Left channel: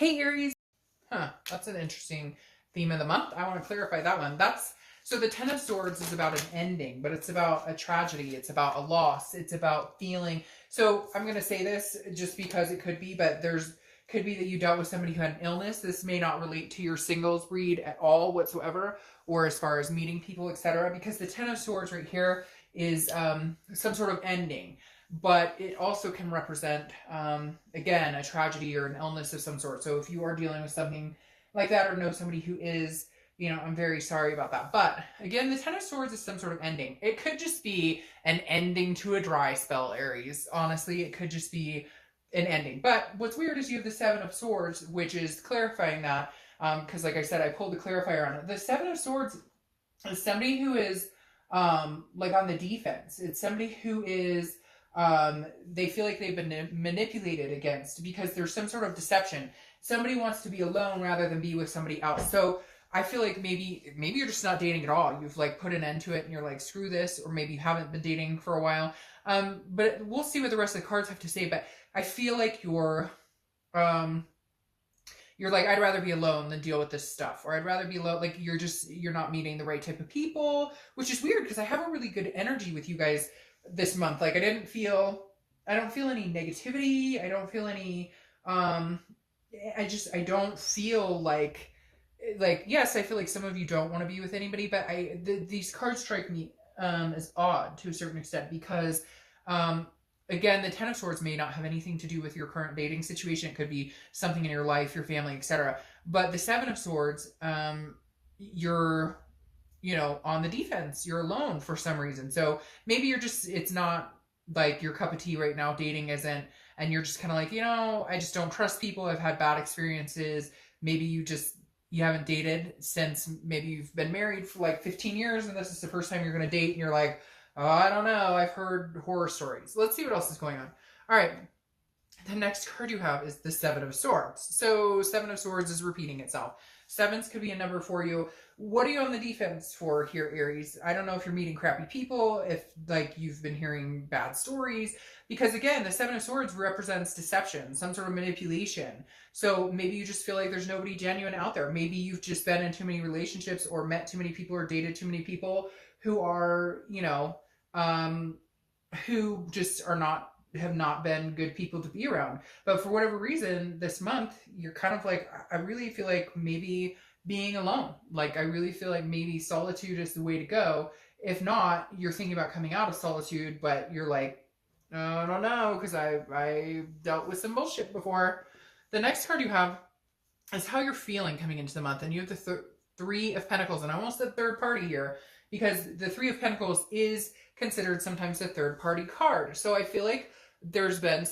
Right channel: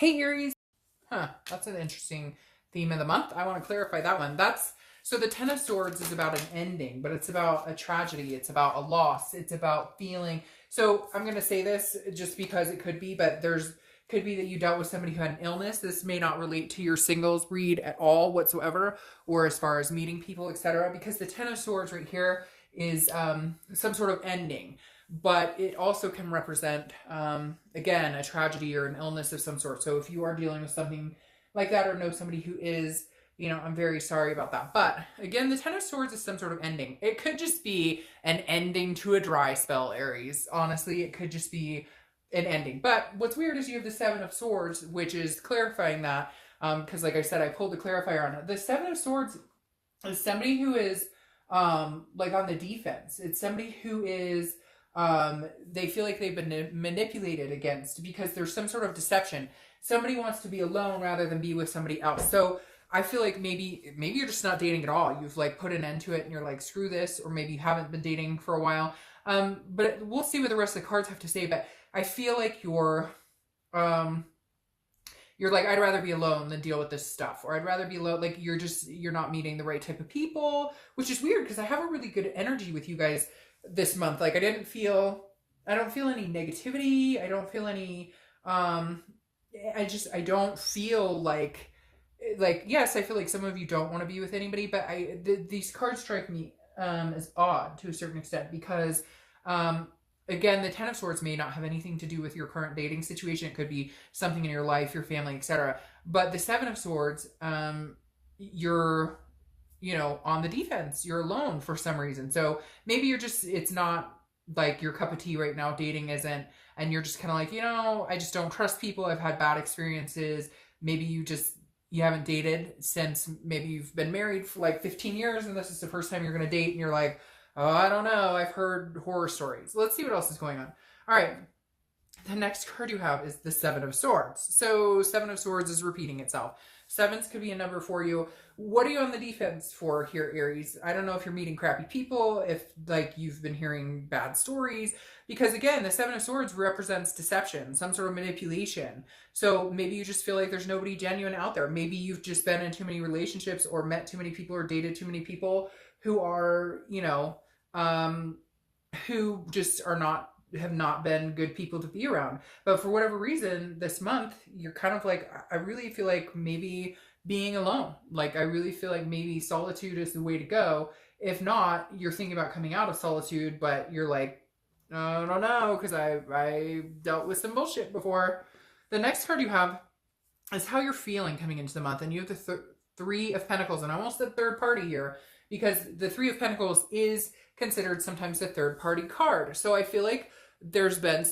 Hey Aries. That's an interesting theme of the month. I want to clarify that one. So the Ten of Swords is about an ending, but it's about a tragedy. It's about a loss. It's about feeling. So I'm going to say this just because it could be, but could be that you dealt with somebody who had an illness. This may not relate to your singles read at all whatsoever, or as far as meeting people, etc. Because the Ten of Swords right here is some sort of ending. But it also can represent, again, a tragedy or an illness of some sort. So if you are dealing with something like that or know somebody who is, I'm very sorry about that. But again, the Ten of Swords is some sort of ending. It could just be an ending to a dry spell, Aries. Honestly, it could just be an ending. But what's weird is you have the Seven of Swords, which is clarifying that. Because like I said, I pulled the clarifier on it. The Seven of Swords is somebody who is like on the defense. It's somebody who is... they feel like they've been manipulated against because there's some sort of deception. Somebody wants to be alone rather than be with somebody else. So I feel like maybe you're just not dating at all. You've like put an end to it and you're like, screw this, or maybe you haven't been dating for a while. We'll see what the rest of the cards have to say. But I feel like you're like, I'd rather be alone than deal with this stuff, or I'd rather be alone. Like you're not meeting the right type of people, which is weird because I have a really good energy with you guys this month. Like I don't feel any negativity. I don't feel any, I don't feel like, yes, I feel like some of you don't want to be with anybody, but these cards strike me, as odd to a certain extent because, again, the Ten of Swords may not have anything to do with your current dating situation. It could be something in your life, your family, etc. But the Seven of Swords, you're on the defense. You're alone for some reason. So maybe it's not like your cup of tea right now, dating isn't, and you're just kind of like, I just don't trust people. I've had bad experiences. Maybe you haven't dated since maybe you've been married for like 15 years and this is the first time you're going to date and you're like, oh, I don't know. I've heard horror stories. Let's see what else is going on. All right. The next card you have is the Seven of Swords. So Seven of Swords is repeating itself. Sevens could be a number for you. What are you on the defense for here, Aries? I don't know if you're meeting crappy people, if like you've been hearing bad stories, because again, the Seven of Swords represents deception, some sort of manipulation. So maybe you just feel like there's nobody genuine out there. Maybe you've just been in too many relationships or met too many people or dated too many people who are, who just have not been good people to be around. But for whatever reason, this month, you're kind of like, I really feel like maybe being alone. Like, I really feel like maybe solitude is the way to go. If not, you're thinking about coming out of solitude, but you're like, I don't know, because I dealt with some bullshit before. The next card you have is how you're feeling coming into the month. And you have the Three of Pentacles, and almost the third party here, because the Three of Pentacles is considered sometimes a third party card. So I feel like there's been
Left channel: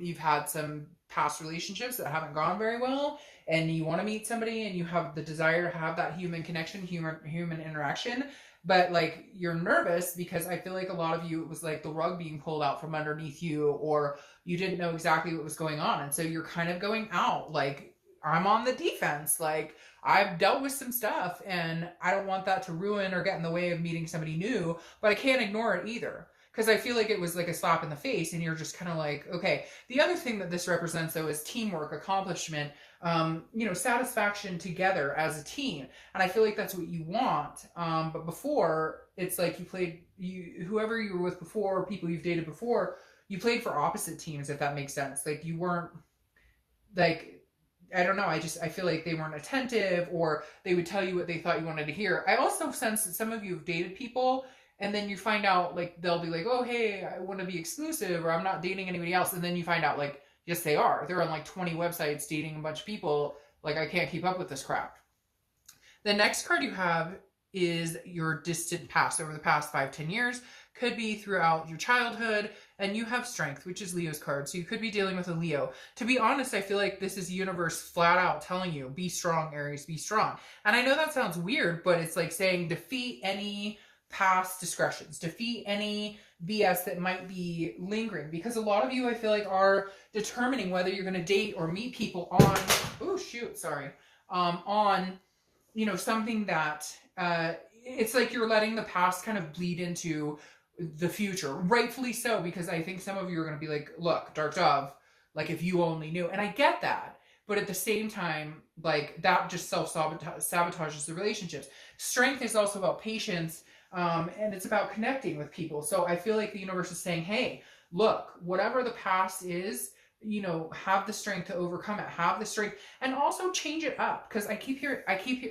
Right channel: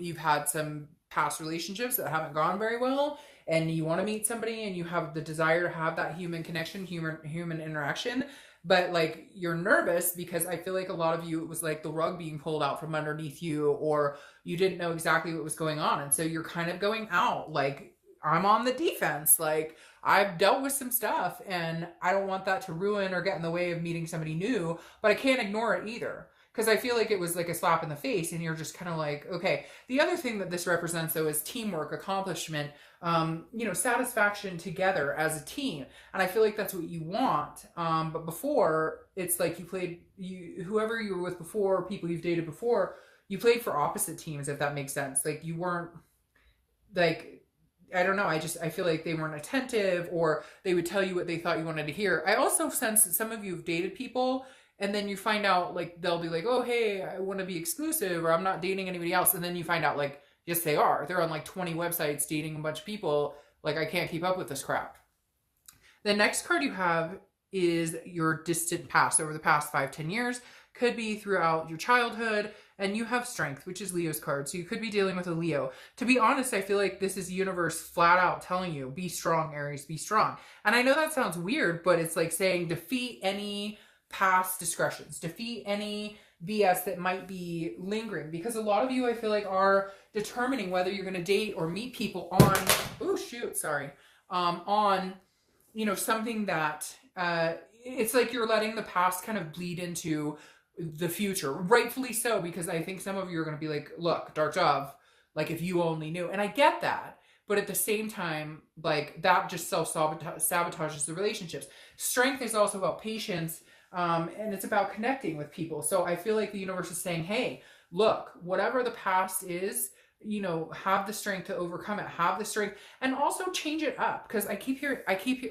you've had some past relationships that haven't gone very well, and you want to meet somebody and you have the desire to have that human connection, human interaction, but like you're nervous because I feel like a lot of you, it was like the rug being pulled out from underneath you, or you didn't know exactly what was going on. And so you're kind of going out like, I'm on the defense. Like I've dealt with some stuff and I don't want that to ruin or get in the way of meeting somebody new, but I can't ignore it either. Because I feel like it was like a slap in the face and you're just kind of like, okay. The other thing that this represents though is teamwork, accomplishment, satisfaction together as a team. And I feel like that's what you want. But before, it's like whoever you were with before, people you've dated before, you played for opposite teams, if that makes sense. Like you weren't like, I don't know. I feel like they weren't attentive, or they would tell you what they thought you wanted to hear. I also sense that some of you have dated people and then you find out like, they'll be like, oh, hey, I want to be exclusive, or I'm not dating anybody else. And then you find out like, yes, they are. They're on like 20 websites dating a bunch of people. Like, I can't keep up with this crap. The next card you have is your distant past, over the past 5-10 years. Could be throughout your childhood, and you have Strength, which is Leo's card. So you could be dealing with a Leo. To be honest, I feel like this is the universe flat out telling you, be strong, Aries, be strong. And I know that sounds weird, but it's like saying defeat any past discretions, defeat any BS that might be lingering, because a lot of you, I feel like, are determining whether you're going to date or meet people on, something that, it's like you're letting the past kind of bleed into the future, rightfully so, because I think some of you are going to be like, look, Dark Dove, Like, if you only knew. And I get that. But at the same time, like, that just self-sabotages the relationships. Strength is also about patience, and it's about connecting with people. So I feel like the universe is saying, hey, look, whatever the past is, you know, have the strength to overcome it. Have the strength, and also change it up. Because I keep hearing,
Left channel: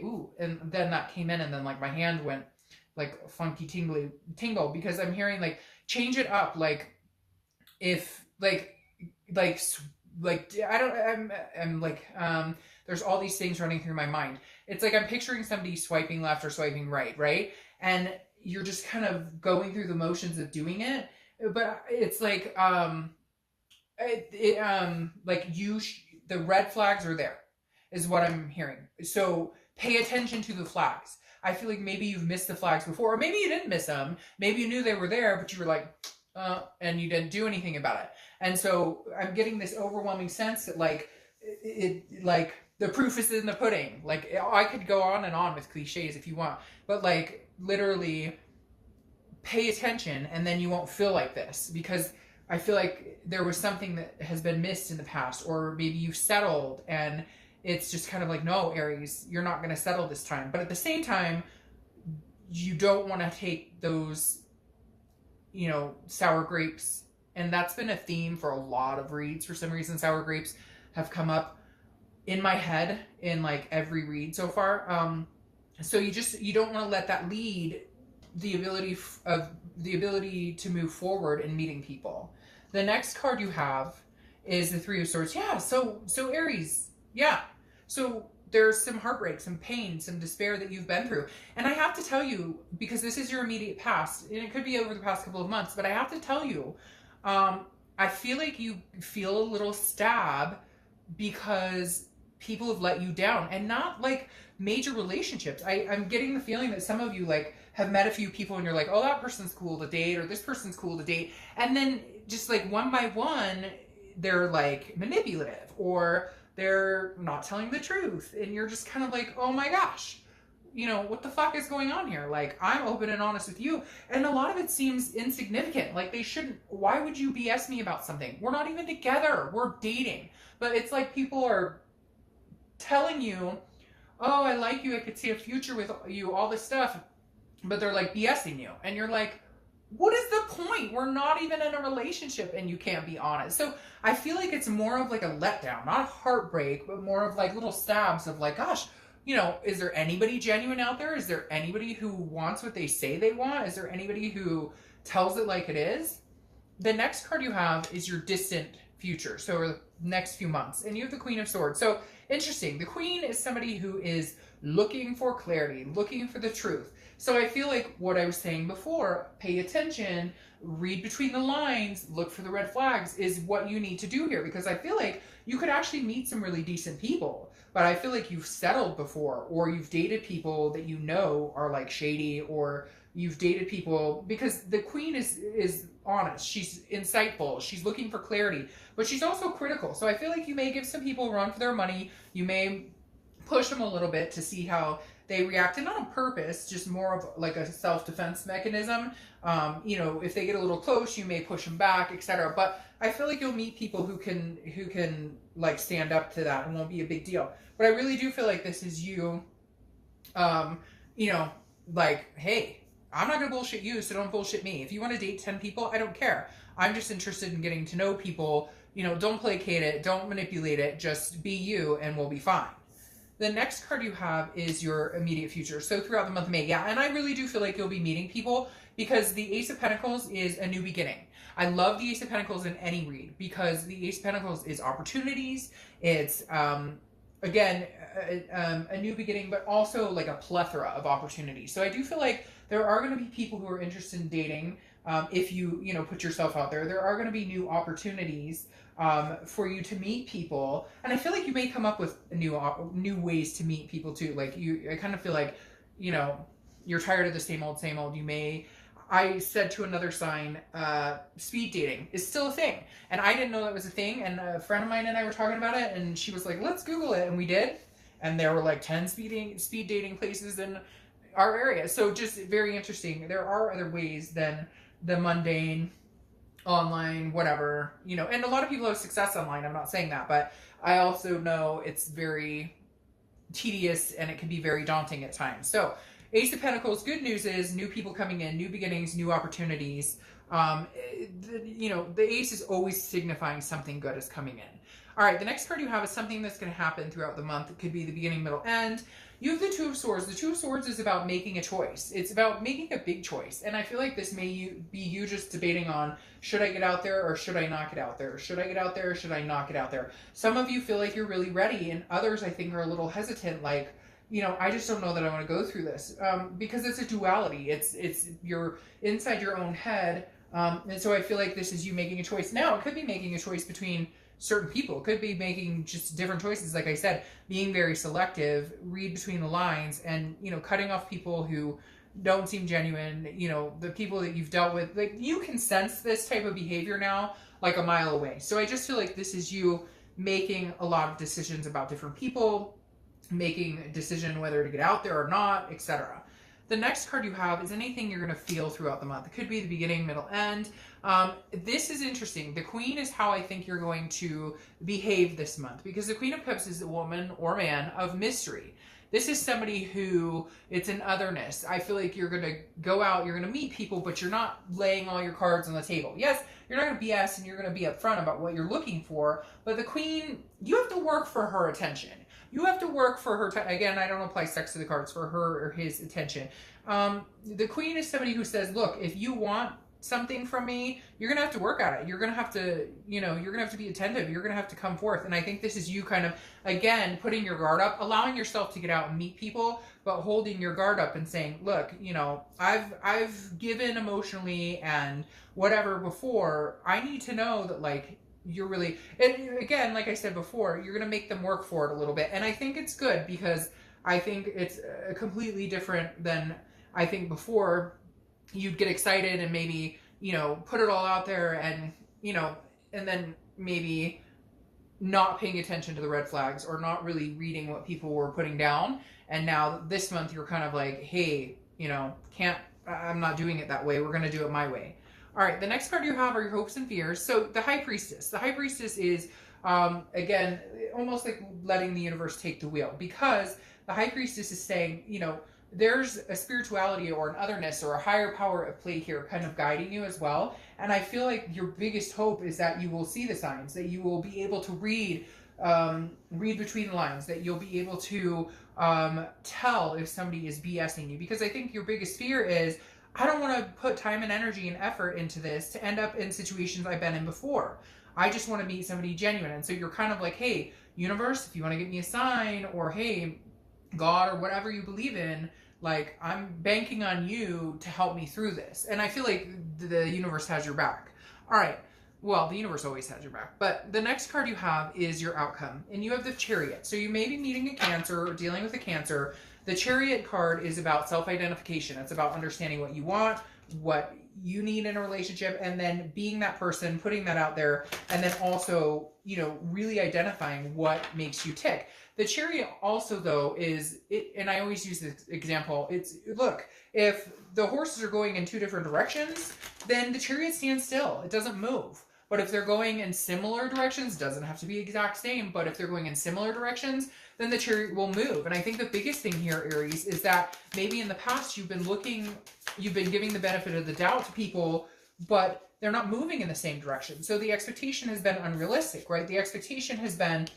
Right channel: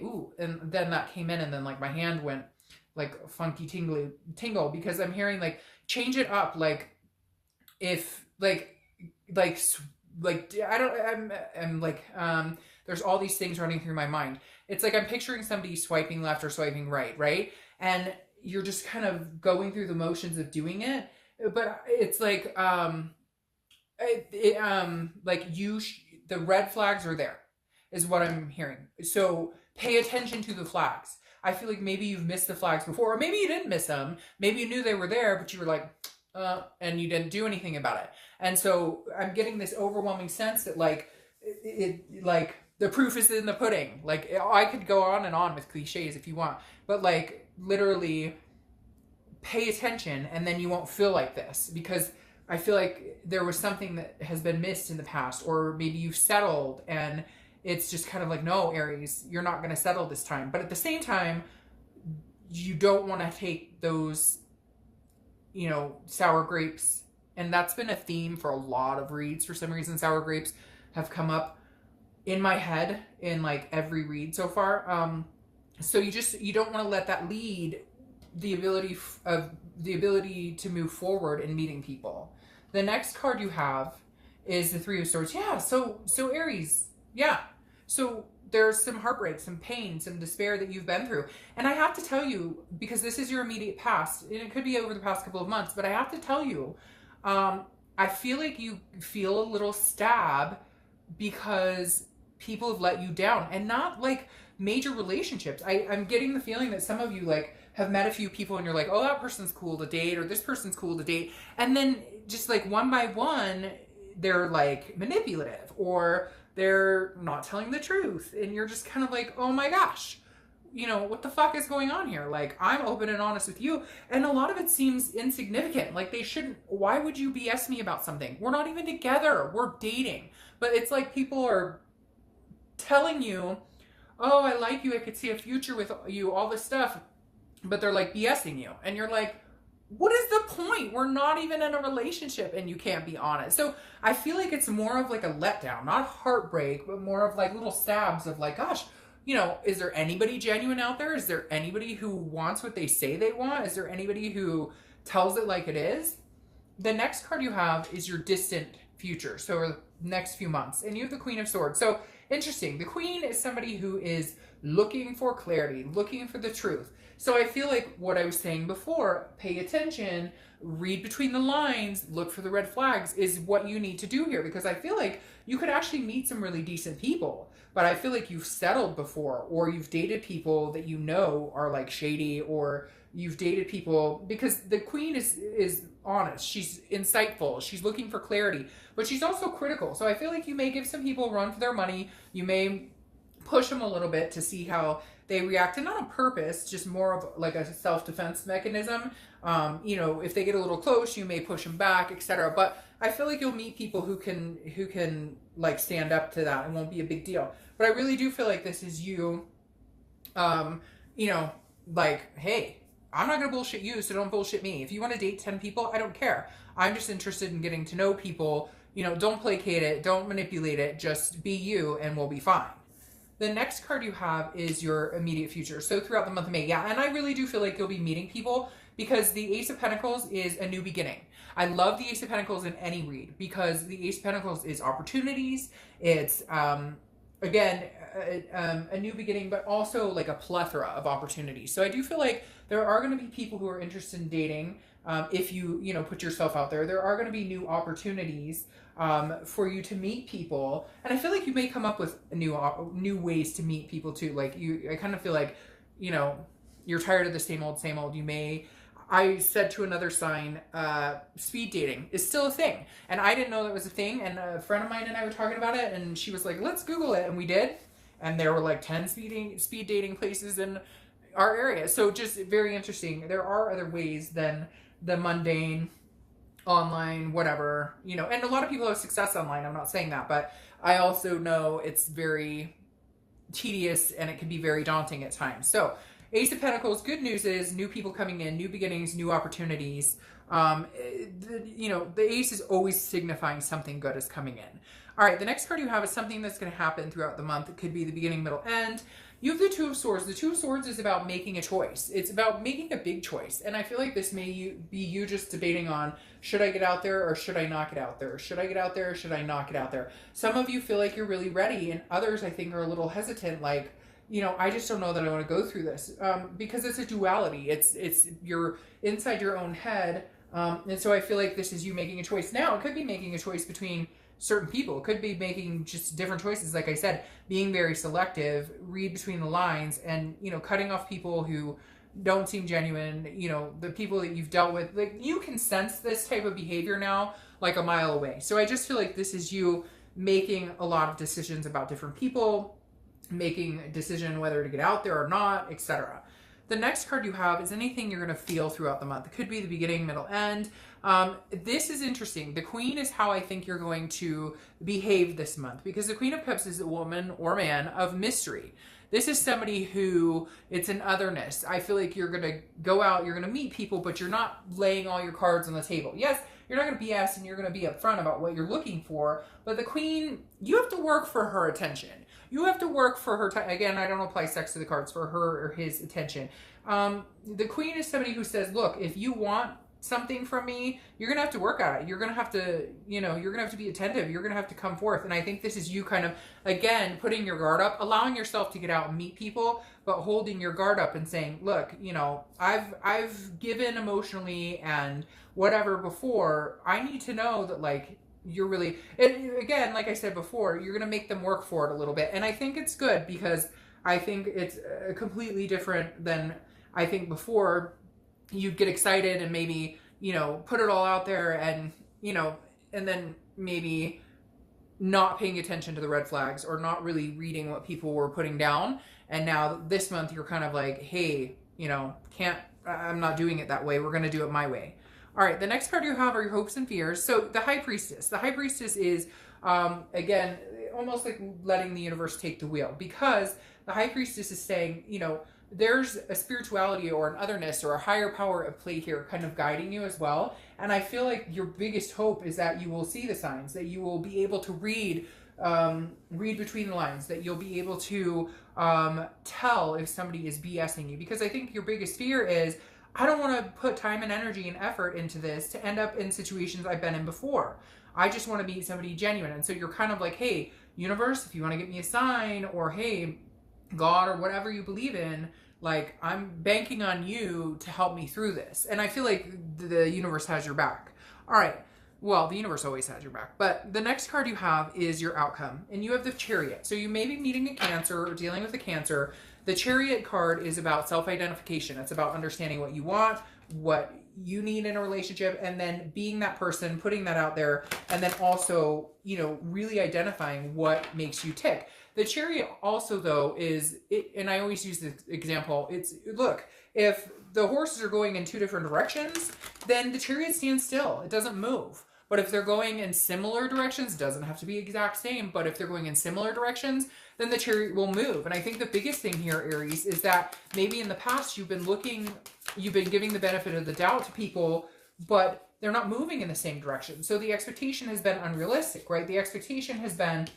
ooh, and then that came in, and then like my hand went like funky tingle, because I'm hearing like change it up. Like, if like I don't, I'm like, there's all these things running through my mind. It's like I'm picturing somebody swiping left or swiping right? And you're just kind of going through the motions of doing it, but it's like, like the red flags are there, is what I'm hearing. So pay attention to the flags. I feel like maybe you've missed the flags before, or maybe you didn't miss them. Maybe you knew they were there, but you were like, and you didn't do anything about it. And so I'm getting this overwhelming sense that like like the proof is in the pudding. Like, I could go on and on with cliches if you want, but like literally pay attention, and then you won't feel like this, because I feel like there was something that has been missed in the past, or maybe you've settled and it's just kind of like, no, Aries, you're not going to settle this time. But at the same time, you don't want to take those, you know, sour grapes. And that's been a theme for a lot of reads. For some reason, sour grapes have come up in my head in like every read so far. So you don't want to let that lead the ability to move forward in meeting people. The next card you have is the Three of Swords. Yeah, so Aries, yeah. So there's some heartbreak, some pain, some despair that you've been through. And I have to tell you, because this is your immediate past, and it could be over the past couple of months, but I have to tell you, I feel like you feel a little stab because people have let you down, and not like major relationships. I'm getting the feeling that some of you like have met a few people and you're like, oh, that person's cool to date, or this person's cool to date. And then just like one by one, they're like manipulative, or they're not telling the truth. And you're just kind of like, oh my gosh, you know, what the fuck is going on here? Like, I'm open and honest with you, and a lot of it seems insignificant. Like, they shouldn't, why would you BS me about something? We're not even together, we're dating. But it's like people are telling you, oh, I like you, I could see a future with you, all this stuff, but they're like BSing you. And you're like, what is the point? We're not even in a relationship and you can't be honest. So I feel like it's more of like a letdown, not heartbreak, but more of like little stabs of like, gosh, you know, is there anybody genuine out there? Is there anybody who wants what they say they want? Is there anybody who tells it like it is? The next card you have is your distant future, so next few months. And you have the Queen of Swords. So interesting. The Queen is somebody who is looking for clarity, looking for the truth. So I feel like what I was saying before, pay attention, read between the lines, look for the red flags, is what you need to do here. Because I feel like you could actually meet some really decent people. But I feel like you've settled before, or you've dated people that you know are like shady, or you've dated people, because the Queen is honest, she's insightful, she's looking for clarity, but she's also critical. So I feel like you may give some people a run for their money, you may push them a little bit to see how they react, and not on purpose, just more of like a self-defense mechanism. You know, if they get a little close, you may push them back, etc. But I feel like you'll meet people who can like stand up to that and won't be a big deal. But I really do feel like this is you, you know, like, hey, I'm not gonna bullshit you, so don't bullshit me. If you want to date 10 people, I don't care. I'm just interested in getting to know people. You know, don't placate it, don't manipulate it, just be you and we'll be fine. The next card you have is your immediate future. So throughout the month of May, yeah, and I really do feel like you'll be meeting people, because the Ace of Pentacles is a new beginning. I love the Ace of Pentacles in any read, because the Ace of Pentacles is opportunities. It's, again, a new beginning, but also like a plethora of opportunities. So I do feel like there are going to be people who are interested in dating. If you know, put yourself out there, there are going to be new opportunities for you to meet people. And I feel like you may come up with new ways to meet people too. Like I kind of feel like, you know, you're tired of the same old. You may, I said to another sign, speed dating is still a thing. And I didn't know that was a thing. And a friend of mine and I were talking about it, and she was like, let's Google it. And we did. And there were like 10 speed dating places in our area. So just very interesting. There are other ways than the mundane, online, whatever, you know, and a lot of people have success online. I'm not saying that, but I also know it's very tedious and it can be very daunting at times. So Ace of Pentacles, good news is new people coming in, new beginnings, new opportunities. You know, the ace is always signifying something good is coming in. All right, the next card you have is something that's going to happen throughout the month. It could be the beginning, middle, end. You have the Two of Swords. The Two of Swords is about making a choice. It's about making a big choice. And I feel like this may be you just debating on, should I get out there or should I not get out there? Should I get out there or should I not get out there? Some of you feel like you're really ready, and others I think are a little hesitant, like, you know, I just don't know that I want to go through this, because it's a duality. It's you're inside your own head, and so I feel like this is you making a choice. Now, it could be making a choice between certain people. It could be making just different choices. Like I said, being very selective, read between the lines, and, you know, cutting off people who don't seem genuine. You know, the people that you've dealt with, like, you can sense this type of behavior now like a mile away. So I just feel like this is you making a lot of decisions about different people, making a decision whether to get out there or not, etc. The next card you have is anything you're going to feel throughout the month. It could be the beginning, middle, end. This is interesting. The Queen is how I think you're going to behave this month, because the Queen of Cups is a woman or man of mystery. This is somebody who, it's an otherness. I feel like you're going to go out, you're going to meet people, but you're not laying all your cards on the table. Yes, you're not going to BS and you're going to be upfront about what you're looking for, but the Queen, you have to work for her attention. You have to work for her. Again, I don't apply sex to the cards, for her or his attention. The Queen is somebody who says, look, if you want something from me, you're going to have to work at it. You're going to have to, you know, you're going to have to be attentive. You're going to have to come forth. And I think this is you kind of, again, putting your guard up, allowing yourself to get out and meet people, but holding your guard up and saying, look, you know, I've given emotionally and whatever before. I need to know that, like, you're really, and again, like I said before, you're going to make them work for it a little bit. And I think it's good, because I think it's completely different than I think before. You'd get excited and maybe, you know, put it all out there and, you know, and then maybe not paying attention to the red flags or not really reading what people were putting down. And now this month you're kind of like, hey, you know, I'm not doing it that way. We're going to do it my way. All right, the next card you have are your hopes and fears. So the High Priestess. The High Priestess is, again, almost like letting the universe take the wheel, because the High Priestess is saying, you know, there's a spirituality or an otherness or a higher power at play here kind of guiding you as well. And I feel like your biggest hope is that you will see the signs, that you will be able to read between the lines, that you'll be able to tell if somebody is BSing you. Because I think your biggest fear is, I don't want to put time and energy and effort into this to end up in situations I've been in before. I just want to meet somebody genuine. And so you're kind of like, hey, universe, if you want to give me a sign, or hey, God, or whatever you believe in, like, I'm banking on you to help me through this. And I feel like the universe has your back. All right. Well, the universe always has your back. But the next card you have is your outcome. And you have the Chariot. So you may be meeting a Cancer or dealing with a Cancer. The Chariot card is about self-identification. It's about understanding what you want, what you need in a relationship, and then being that person, putting that out there, and then also, you know, really identifying what makes you tick. The Chariot also, though, is, and I always use this example, it's, look, if the horses are going in two different directions, then the Chariot stands still. It doesn't move. But if they're going in similar directions, doesn't have to be exact same, but if they're going in similar directions, then the Chariot will move. And I think the biggest thing here, Aries, is that maybe in the past you've been giving the benefit of the doubt to people, but they're not moving in the same direction. So the expectation has been unrealistic, right? The expectation has been,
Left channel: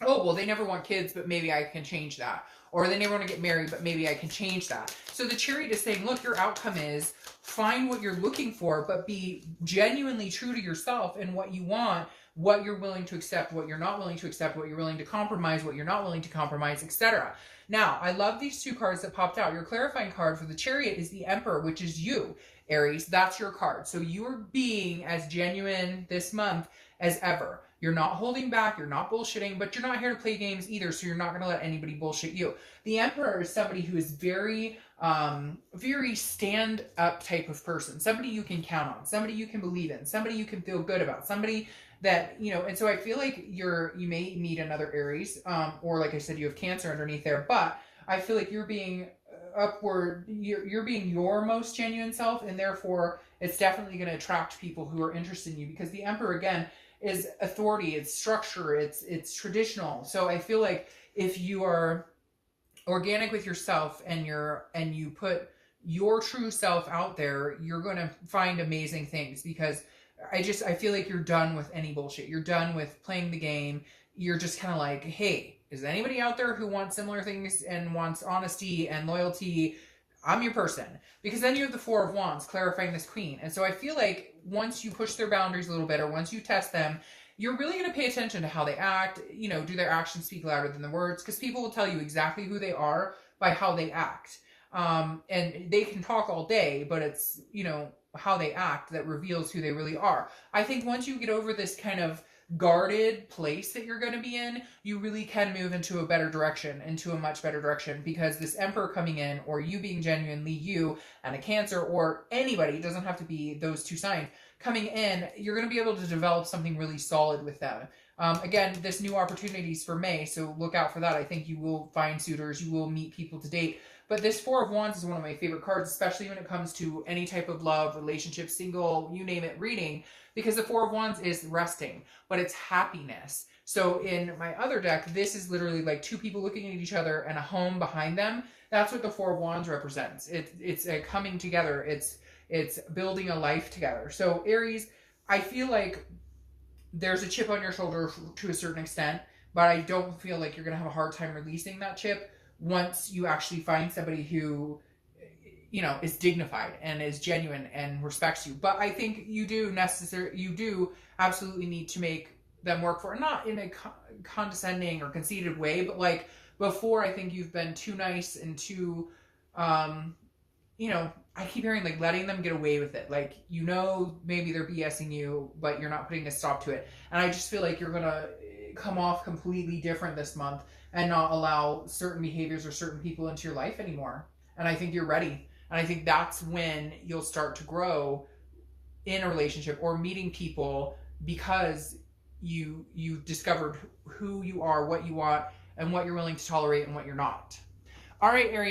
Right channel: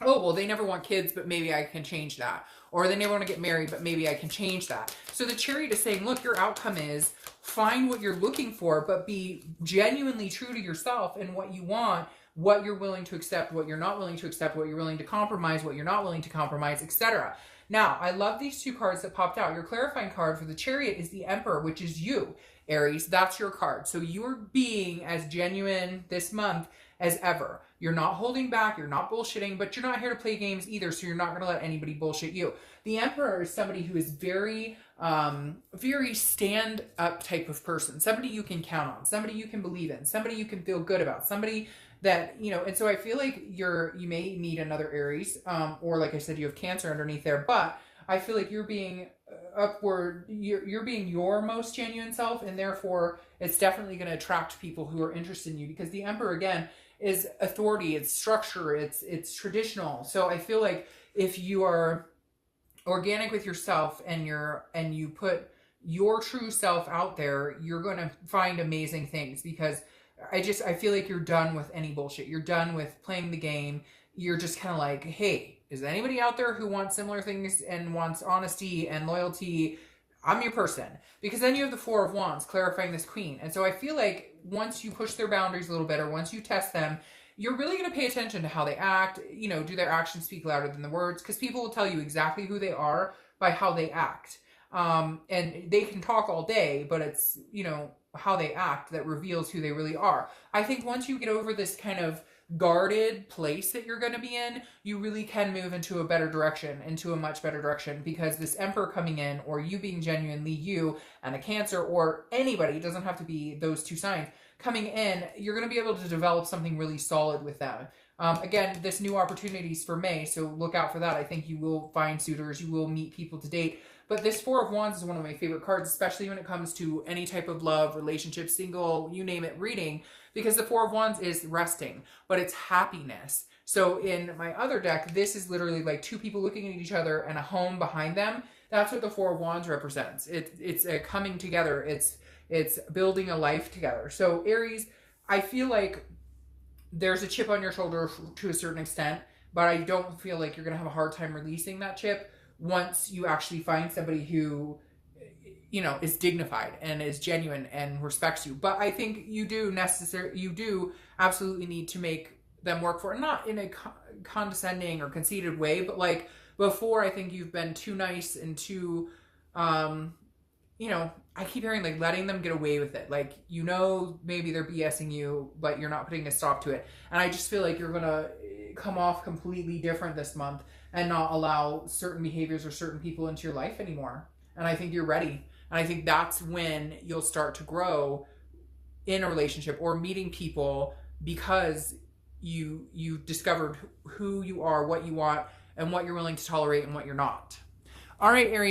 oh, well, they never want kids, but maybe I can change that. Or they never want to get married, but maybe I can change that. So the Chariot is saying, look, your outcome is find what you're looking for, but be genuinely true to yourself and what you want, what you're willing to accept, what you're not willing to accept, what you're willing to compromise, what you're not willing to compromise, etc. Now, I love these two cards that popped out. Your clarifying card for the Chariot is the Emperor, which is you, Aries. That's your card. So you're being as genuine this month as ever. You're not holding back, you're not bullshitting, but you're not here to play games either, so you're not going to let anybody bullshit you. The Emperor is somebody who is very, very stand-up type of person. Somebody you can count on, somebody you can believe in, somebody you can feel good about, somebody that, you know, and so I feel like you may meet another Aries, or like I said, you have Cancer underneath there, but I feel like you're being upward, you're being your most genuine self, and therefore it's definitely going to attract people who are interested in you, because the Emperor, again, is authority, it's structure, it's traditional. So I feel like if you are organic with yourself and you put your true self out there, you're going to find amazing things, because I feel like you're done with any bullshit. You're done with playing the game. You're just kind of like, hey, is there anybody out there who wants similar things and wants honesty and loyalty? I'm your person. Because then you have the Four of Wands clarifying this Queen. And so I feel like once you push their boundaries a little bit, or once you test them, you're really going to pay attention to how they act. You know, do their actions speak louder than the words? Because people will tell you exactly who they are by how they act. And they can talk all day, but it's, you know, how they act that reveals who they really are. I think once you get over this kind of guarded place that you're going to be in, you really can move into a better direction, into a much better direction, because this Emperor coming in, or you being genuinely you, and a Cancer, or anybody, it doesn't have to be those two signs, coming in, you're going to be able to develop something really solid with them. Again, this new opportunities for May, so look out for that. I think you will find suitors, you will meet people to date. But this Four of Wands is one of my favorite cards, especially when it comes to any type of love, relationship, single, you name it, reading, because the Four of Wands is resting, but it's happiness. So in my other deck, this is literally like two people looking at each other and a home behind them. That's what the Four of Wands represents. It's a coming together. It's building a life together. So Aries, I feel like there's a chip on your shoulder to a certain extent, but I don't feel like you're going to have a hard time releasing that chip once you actually find somebody who, you know, is dignified and is genuine and respects you. But I think you do absolutely need to make them work for it, not in a condescending or conceited way, but like before, I think you've been too nice and too, you know, I keep hearing like letting them get away with it. Like, you know, maybe they're BSing you, but you're not putting a stop to it. And I just feel like you're going to come off completely different this month and not allow certain behaviors or certain people into your life anymore. And I think you're ready. And I think that's when you'll start to grow in a relationship or meeting people, because you've discovered who you are, what you want, and what you're willing to tolerate and what you're not. All right, Aries.